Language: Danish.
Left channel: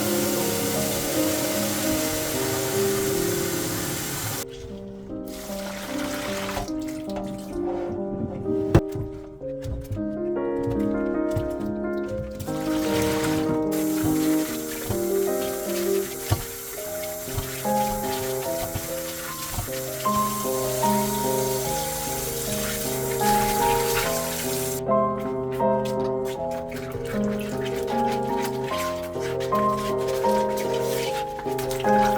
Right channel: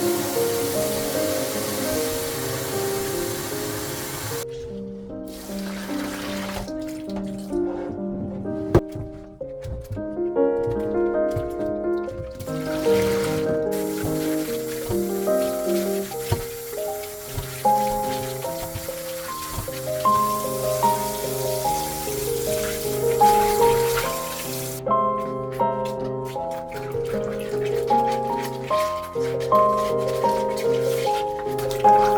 thank you Thank you.